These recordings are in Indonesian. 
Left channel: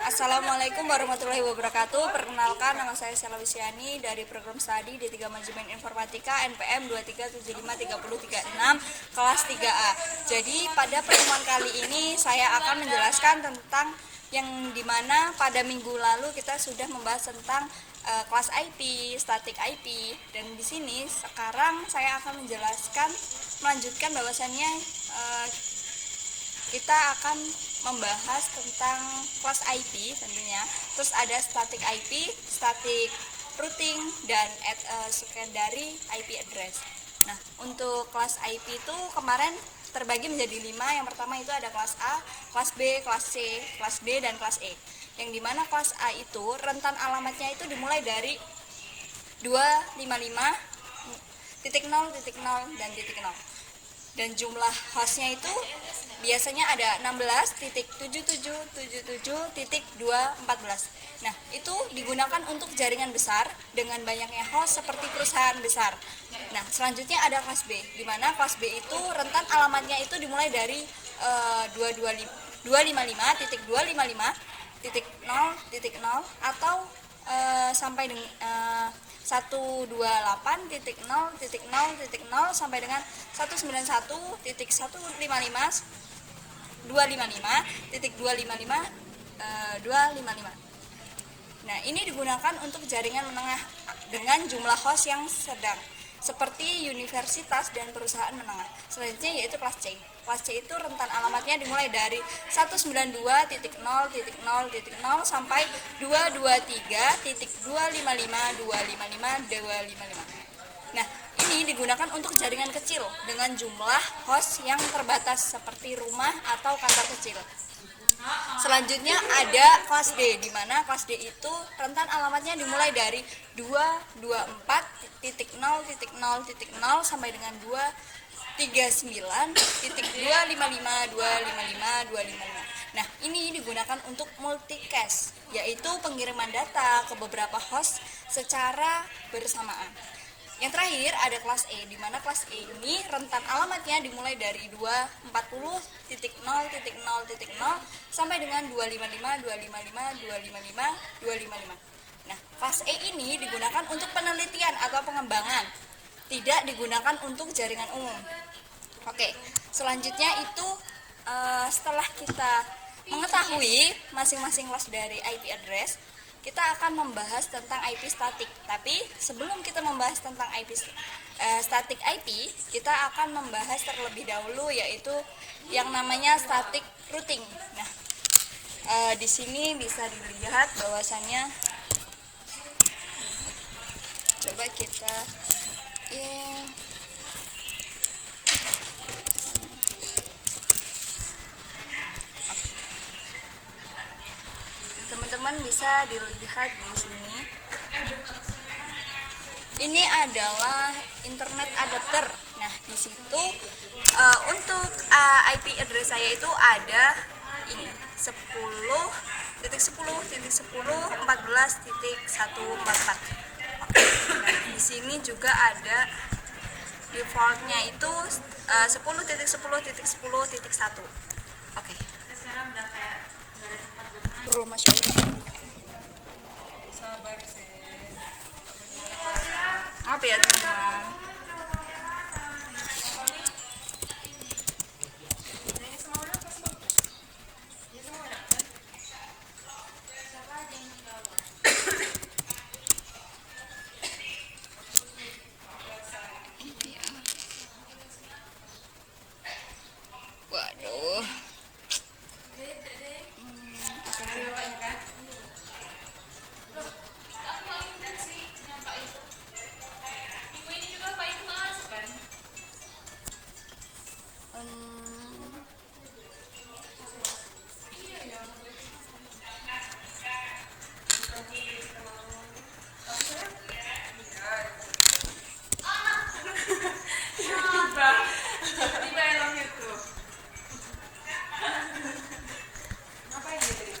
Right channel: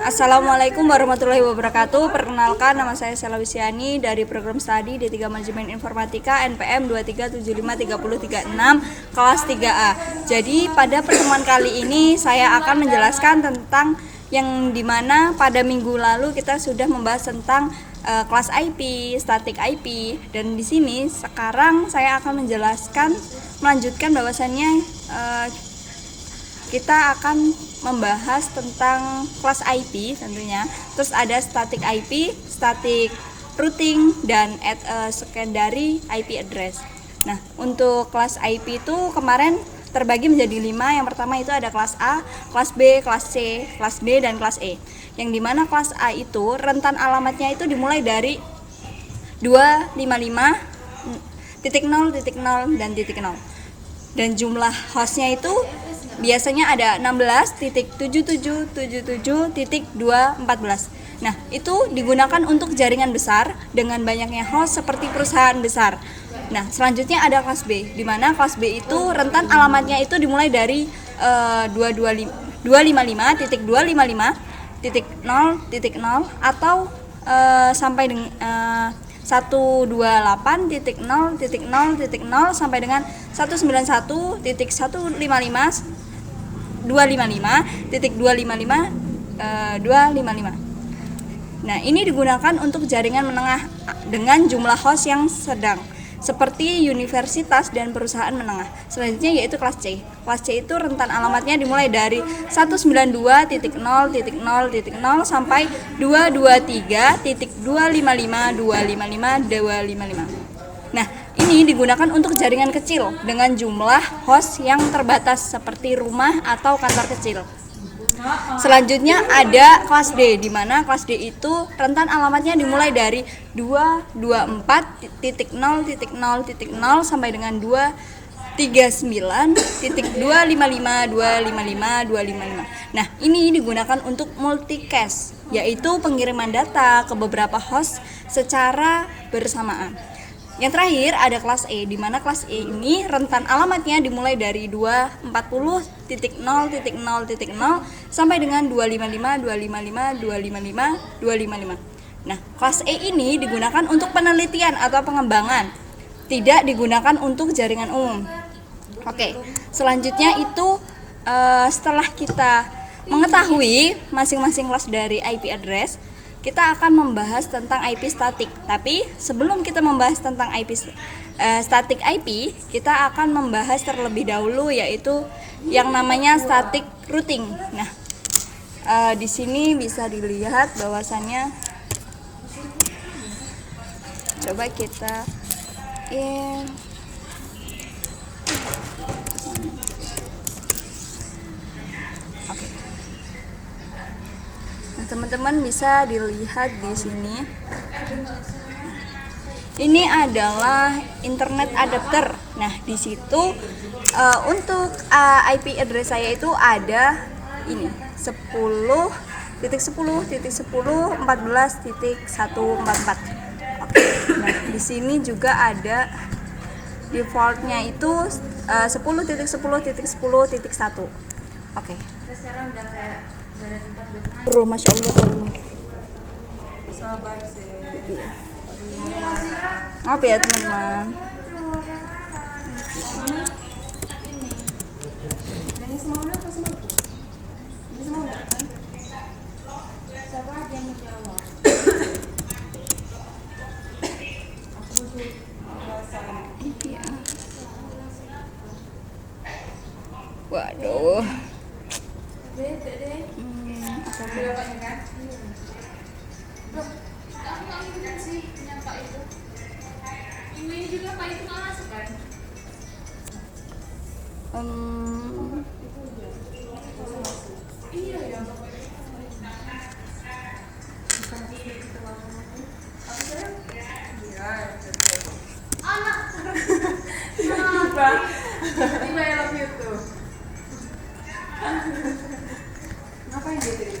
Assalamualaikum warahmatullahi wabarakatuh. Perkenalkan, nama saya Sela Wisiani dari program studi D3 Manajemen Informatika NPM 23753036 kelas 3A. Jadi pada pertemuan kali ini saya akan menjelaskan tentang yang dimana pada minggu lalu kita sudah membahas tentang kelas IP, statik IP, dan di sini sekarang saya akan melanjutkan bahwasannya kita akan membahas tentang kelas IP tentunya. Terus ada static IP, static routing, dan secondary IP address. Nah, untuk kelas IP itu kemarin terbagi menjadi 5. Yang pertama itu ada kelas A, kelas B, kelas C, kelas D, dan kelas E. Yang dimana kelas A itu rentan alamatnya itu dimulai dari 255.0.0 dan .0. Dan jumlah hostnya itu biasanya ada 16.7777.214. Nah, itu digunakan untuk jaringan besar dengan banyaknya host seperti perusahaan besar. Nah, selanjutnya ada kelas B, di mana kelas B itu rentan alamatnya itu dimulai dari 255.255.0.0 atau sampai dengan 128.0.0.0 sampai dengan 191.155.255.255. Nah, ini digunakan untuk jaringan menengah dengan jumlah host yang sedang, seperti universitas dan perusahaan menengah. Selanjutnya yaitu kelas C. Kelas C itu rentan alamatnya dimulai dari 192.0.0.0 sampai 223.255.255.255. Nah, ini digunakan untuk jaringan kecil dengan jumlah host yang terbatas seperti rumah atau kantor kecil. Selanjutnya ada kelas D, di mana kelas D itu rentan alamatnya dimulai dari 224.0.0.0 sampai dengan 239.255.255.255. Nah, ini digunakan untuk multicast, yaitu pengiriman data ke beberapa host secara bersamaan. Yang terakhir ada kelas E, di mana kelas E ini rentan alamatnya dimulai dari 240.0.0.0 sampai dengan 255.255.255.255. Nah, kelas E ini digunakan untuk penelitian atau pengembangan, tidak digunakan untuk jaringan umum. Oke, selanjutnya itu setelah kita mengetahui masing-masing kelas dari IP address, kita akan membahas tentang IP statik. Tapi sebelum kita membahas tentang IP static IP, kita akan membahas terlebih dahulu yaitu yang namanya static routing. Nah, di sini bisa dilihat bahwasannya, coba kita teman-teman bisa dilihat di sini. Ini adalah internet adapter. Nah, di situ untuk IP address saya itu ada ini 10.10.10.14.144. Nah, di sini juga ada defaultnya itu 10.10.10.1. Oke. Bro, Masya Allah. Sabar sih. Maaf ya teman-teman. Waduh. Ngapain dia tadi?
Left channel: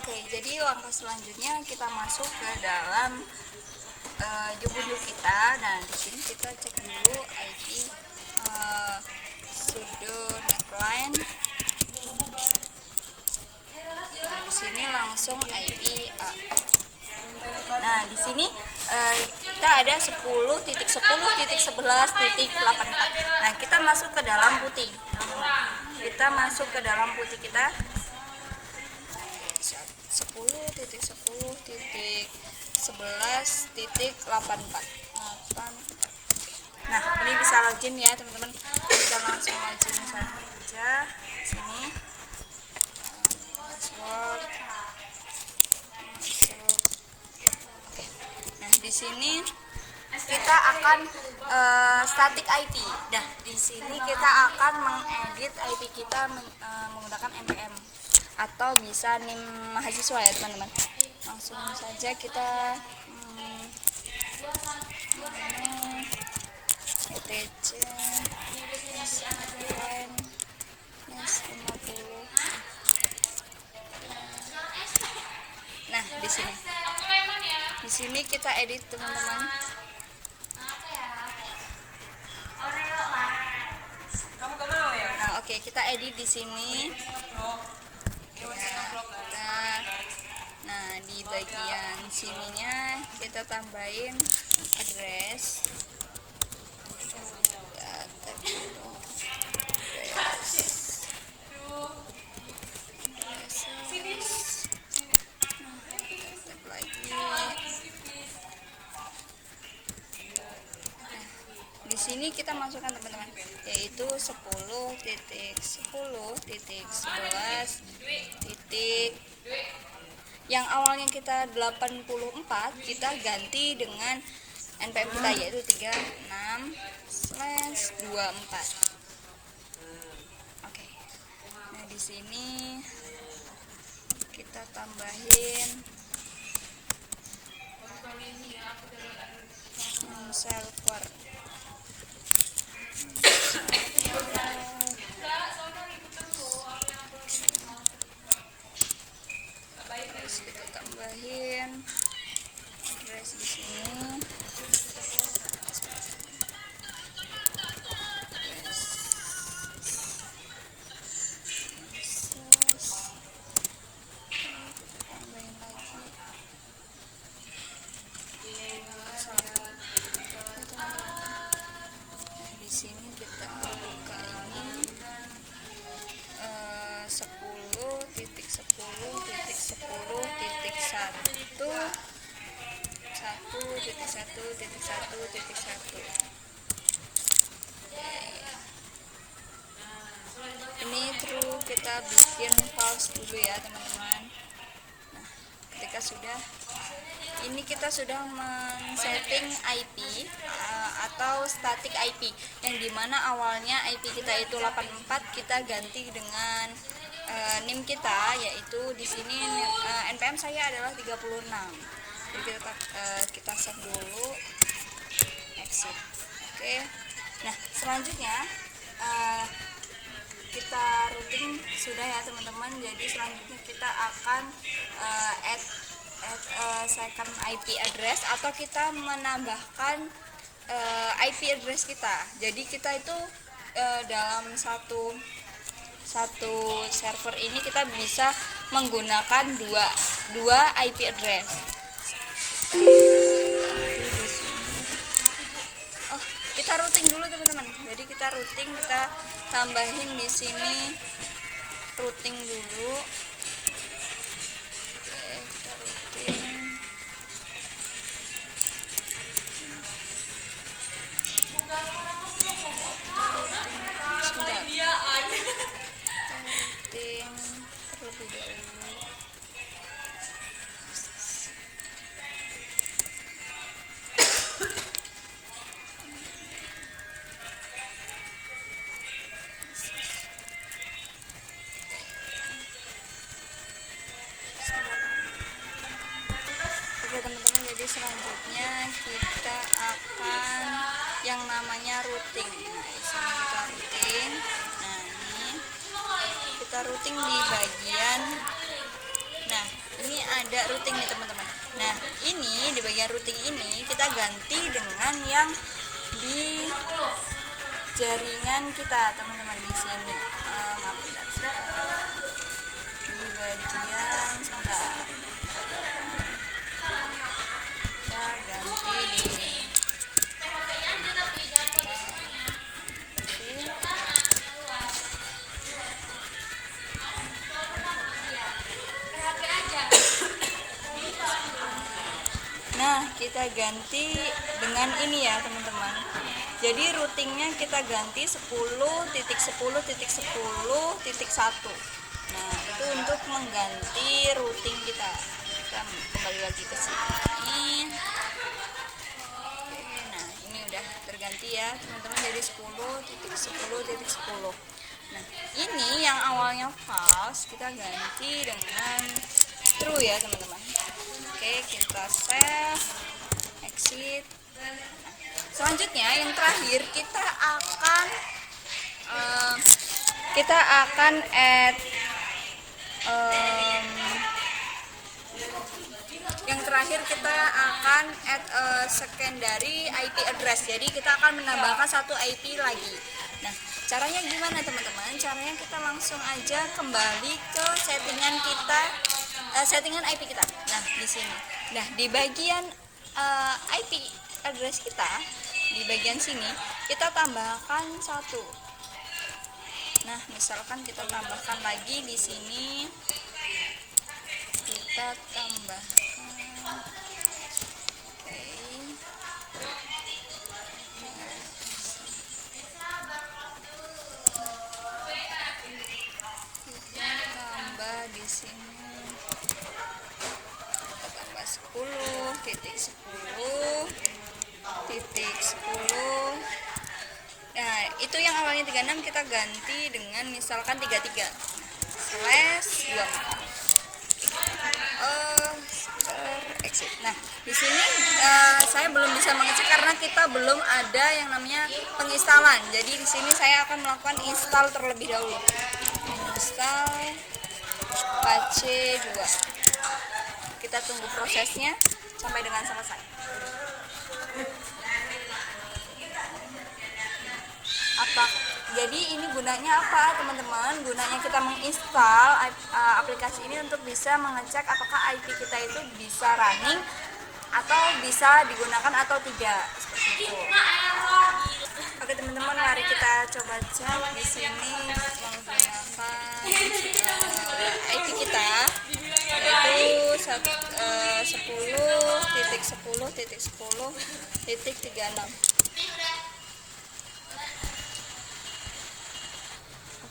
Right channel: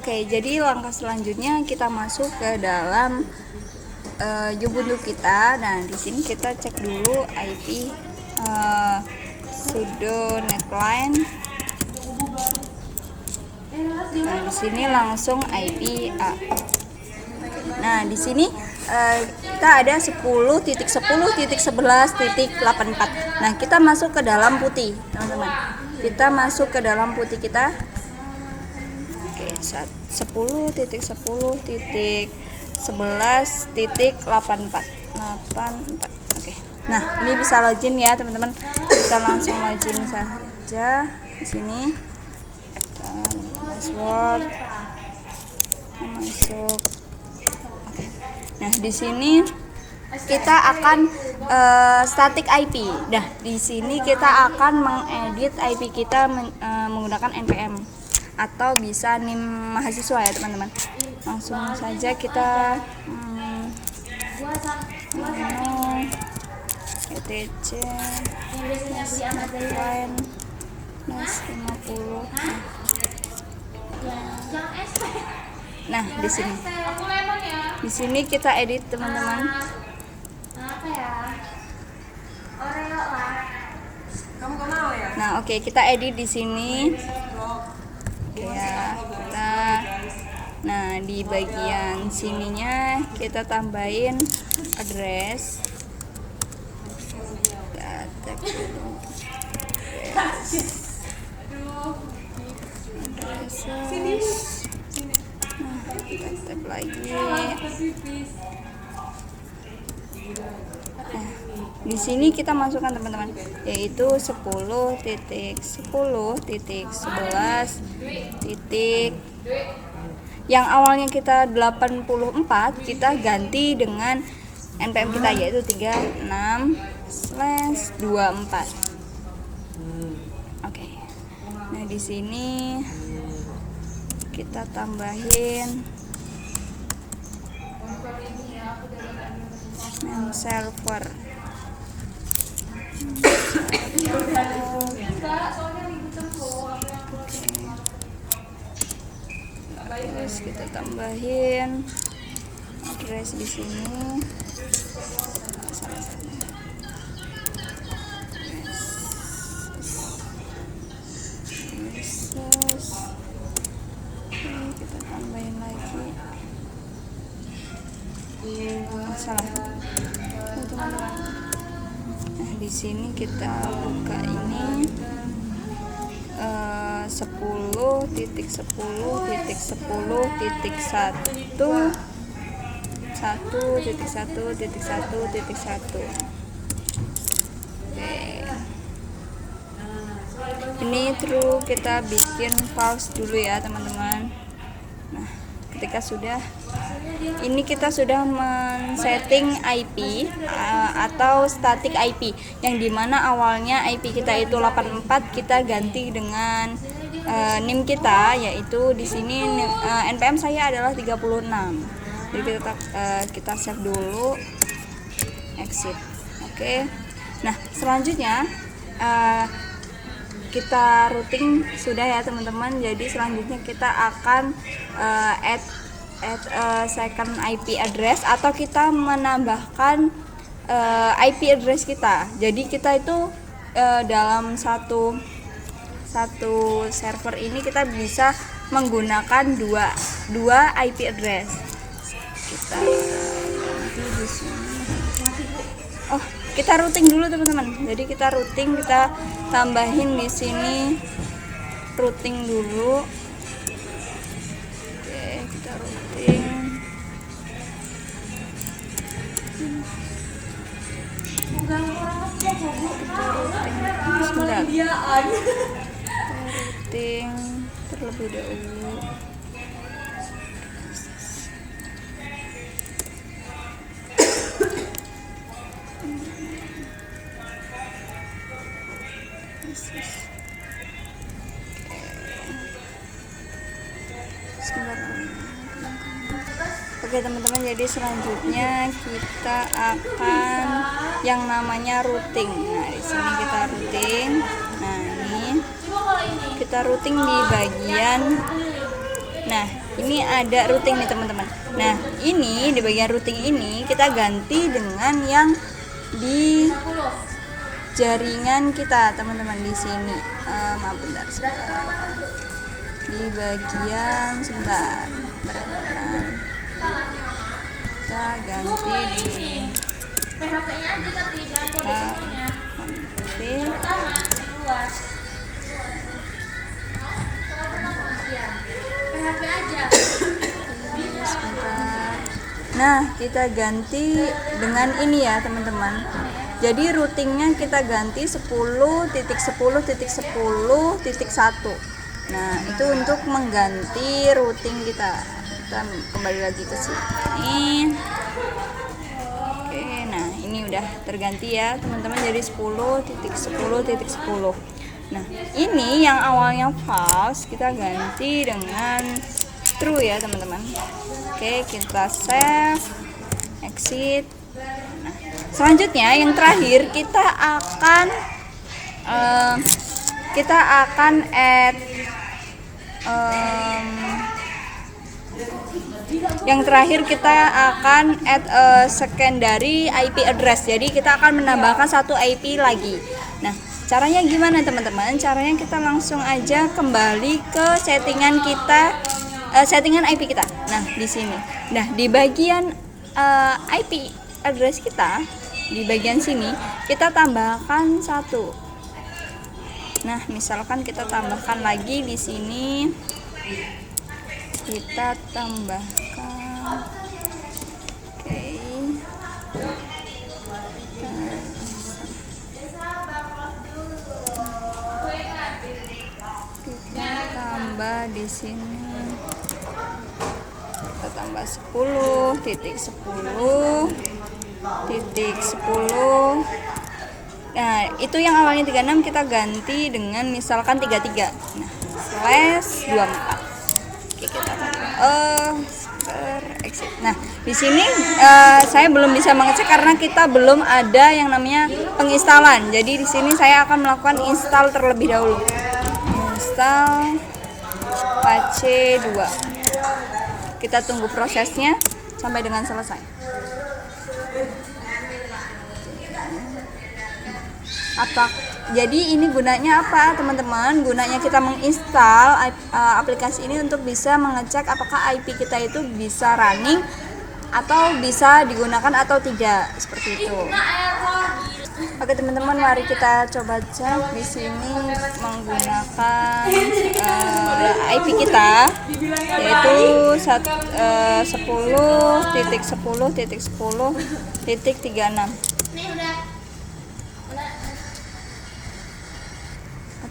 Oke, jadi langkah selanjutnya kita masuk ke dalam Ubuntu kita. Nah, di sini kita cek dulu IP sudo netline. Nah, di sini langsung IP A. Nah, di sini kita ada 10.10.11.84. Nah, kita masuk ke dalam putih, teman-teman. Kita masuk ke dalam putih kita. Oke, 10.10.11.84. Oke. Nah, ini bisa login ya, teman-teman. Kita langsung login saja di sini. Password masuk. Oke. Nah, di sini kita akan static IP. Nah, di sini kita akan mengedit IP kita menggunakan npm atau bisa NIM mahasiswa ya, teman-teman. Langsung saja kita etc netline 50. Nah, di sini kita edit, teman-teman. Nah, oke, kita edit di sini. Ya, nah, di bagian sininya kita tambahin address. Kita tag dulu. Kita tag lagi. Nah, di sini kita masukkan, teman-teman, yaitu 10.10.11. Yang awalnya kita 84, kita ganti dengan npm kita yaitu 36/24. Oke. Nah, di sini kita tambahin name server. Terus kita tambahin address di sini. Kita tambahin lagi. Salah. Teman-teman. Nah, di sini kita buka ini 10.10.1.1.1.1.1. Ini true, kita bikin false dulu ya, teman-teman. Nah, ketika sudah ini kita sudah men-setting IP atau static IP, yang dimana awalnya IP kita itu 84, kita ganti dengan NIM kita, yaitu di sini npm saya adalah 36. Jadi kita save dulu, exit. Oke. Nah, selanjutnya kita routing sudah ya, teman-teman. Jadi selanjutnya kita akan add second IP address, atau kita menambahkan IP address kita. Jadi kita itu dalam satu server ini kita bisa menggunakan dua IP address. Kita ganti di sini. Oh, kita routing dulu, teman-teman. Jadi kita routing, kita tambahin di sini routing dulu. Oke, kita routing. Sebentar. Routing terlebih dahulu. Oke, teman-teman, jadi selanjutnya kita akan yang namanya routing. Nah, di sini kita routing. Nah, ini kita routing di bagian, nah, ini ada routing nih teman-teman. Nah, ini di bagian routing ini kita ganti dengan yang di jaringan kita teman-teman di sini. Maaf bentar, di bagian sebentar. Kita ganti di Nah, kita ganti dengan ini ya teman-teman. Jadi routingnya kita ganti 10.10.10.1. Nah, itu untuk mengganti routing kita. Kita kembali lagi ke sini. Oke, nah ini udah terganti ya teman-teman, jadi 10.10.10. Nah, ini yang awalnya false kita ganti dengan true ya teman-teman. Oke, kita save, exit. Nah, selanjutnya yang terakhir kita akan add yang terakhir kita akan add secondary IP address. Jadi kita akan menambahkan satu IP lagi. Nah, caranya gimana teman-teman? Caranya kita langsung aja kembali ke settingan kita, settingan IP kita. Nah, di sini. Nah, di bagian IP address kita, di bagian sini kita tambahkan satu. Nah, misalkan kita tambahkan lagi di sini, kita tambahkan, oke, kita tambah di sini, kita tambah 10.10.10. Nah, itu yang awalnya 36 kita ganti dengan misalkan 33. Nah, /24. Oke, kita exit. Nah, di sini saya belum bisa mengecek karena kita belum ada yang namanya penginstalan. Jadi di sini saya akan melakukan install terlebih dahulu. Install Apache 2. Kita tunggu prosesnya sampai dengan selesai. Jadi ini gunanya apa teman-teman? Gunanya kita menginstal aplikasi ini untuk bisa mengecek apakah IP kita itu bisa running atau bisa digunakan atau tidak, seperti itu. Oke teman-teman, mari kita coba cek di sini menggunakan IP kita, yaitu 10.10.10.36.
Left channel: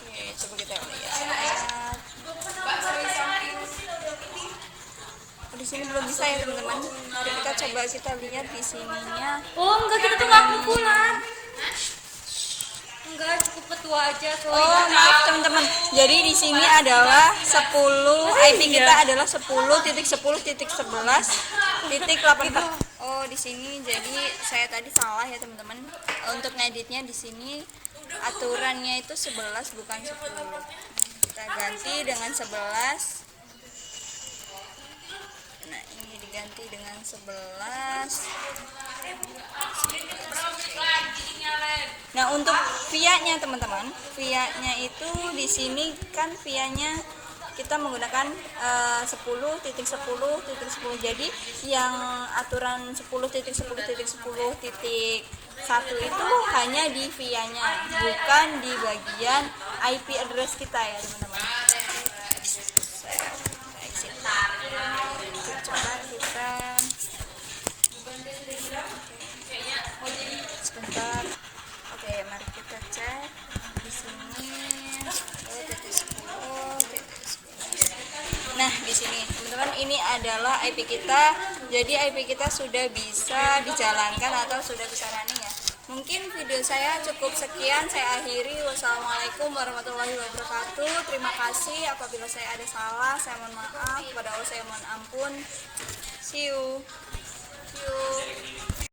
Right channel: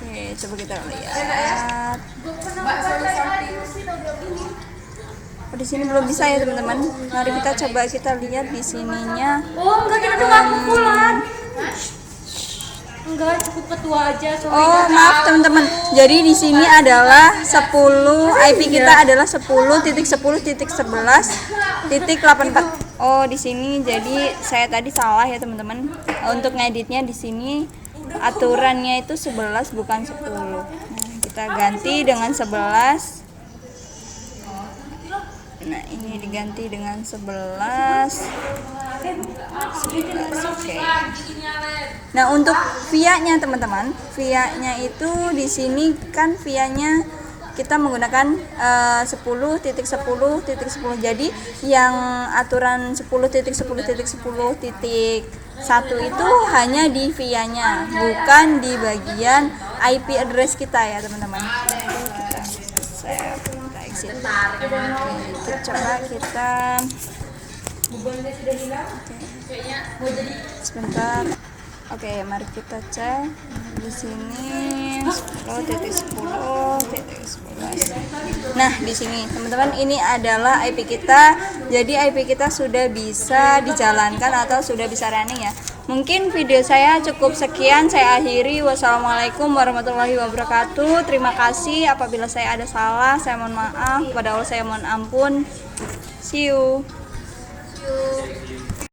Oke, coba kita lihat. Oh, di sini belum bisa ya teman-teman. Mari kita coba kita lihat di sininya. Oh, enggak, kita tuh nggak kumpulan. Enggak, cukup ketua aja. Oh, maaf teman-teman. Jadi di sini adalah 10, IP kita adalah 10.10.11.84. Oh, di sini jadi saya tadi salah ya teman-teman. Untuk ngeditnya di sini aturannya itu 11 bukan 10. Nah, kita ganti dengan 11. Nah, ini diganti dengan 11. Oke. Nah, untuk via-nya teman-teman, via-nya itu di sini kan via-nya kita menggunakan 10.10.10. Jadi yang aturan 10.10.10.1 itu hanya di via-nya, bukan di bagian IP address kita ya teman-teman. Kita save, kita exit. Oke, coba kita sebentar. Oke, mari kita cek di sini 10.10.11. Nah, di sini teman-teman, ini adalah IP kita. Jadi IP kita sudah bisa dijalankan atau sudah bisa running ya. Mungkin video saya cukup sekian, saya akhiri. Wassalamualaikum warahmatullahi wabarakatuh. Terima kasih apabila saya ada salah, saya mohon maaf. Kepada Allah saya mohon ampun. See you.